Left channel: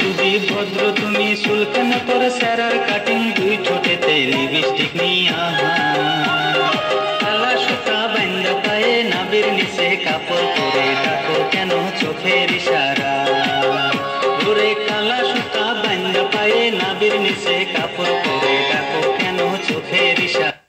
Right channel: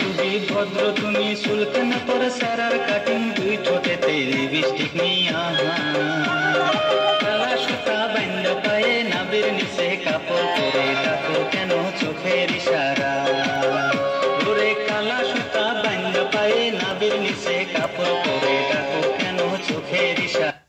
যদি ভদ্র তুমি শুল্কেন করে স্যারের কাটিং দুই ঠোঁটেতে লিপস্টিক নিয়া কালা সুতা বান্ধা পায়ে নাবির নিচে কাপড় পরে ডাকো কেন চোখের ইশারা ওরে কালা সুতা বান্ধা পায়ে নাবির নিচে কাপড় পরে ডাকো কেন চোখের ইশারা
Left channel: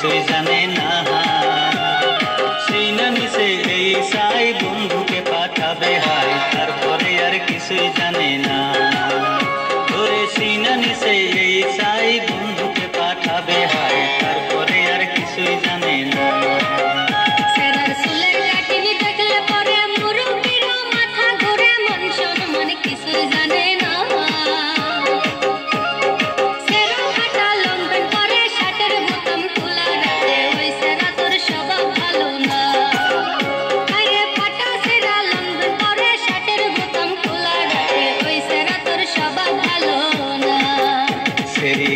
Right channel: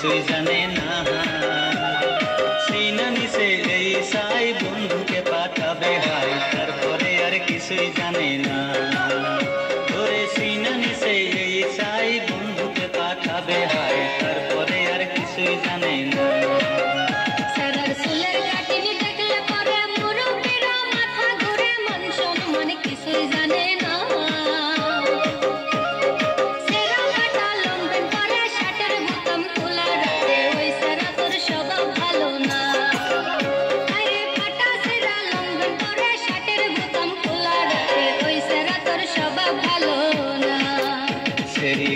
কিছুই জানে না সেই না নিচে এই সাই বন্ধুকে পাঠাবে হাই তারপরে আর কিছুই জানে না ধরে সেই না নিচে এই সাই বন্ধুকে পাঠাবে হাই তারপরে আর কিছুই জানে না কিছুই জানে না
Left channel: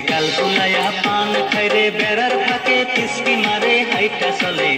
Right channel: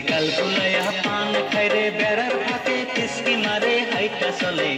গাল ফুলাইয়া পান খাইরে বেড়ার ফাঁকে পিসকি মারে হাইটা চলে।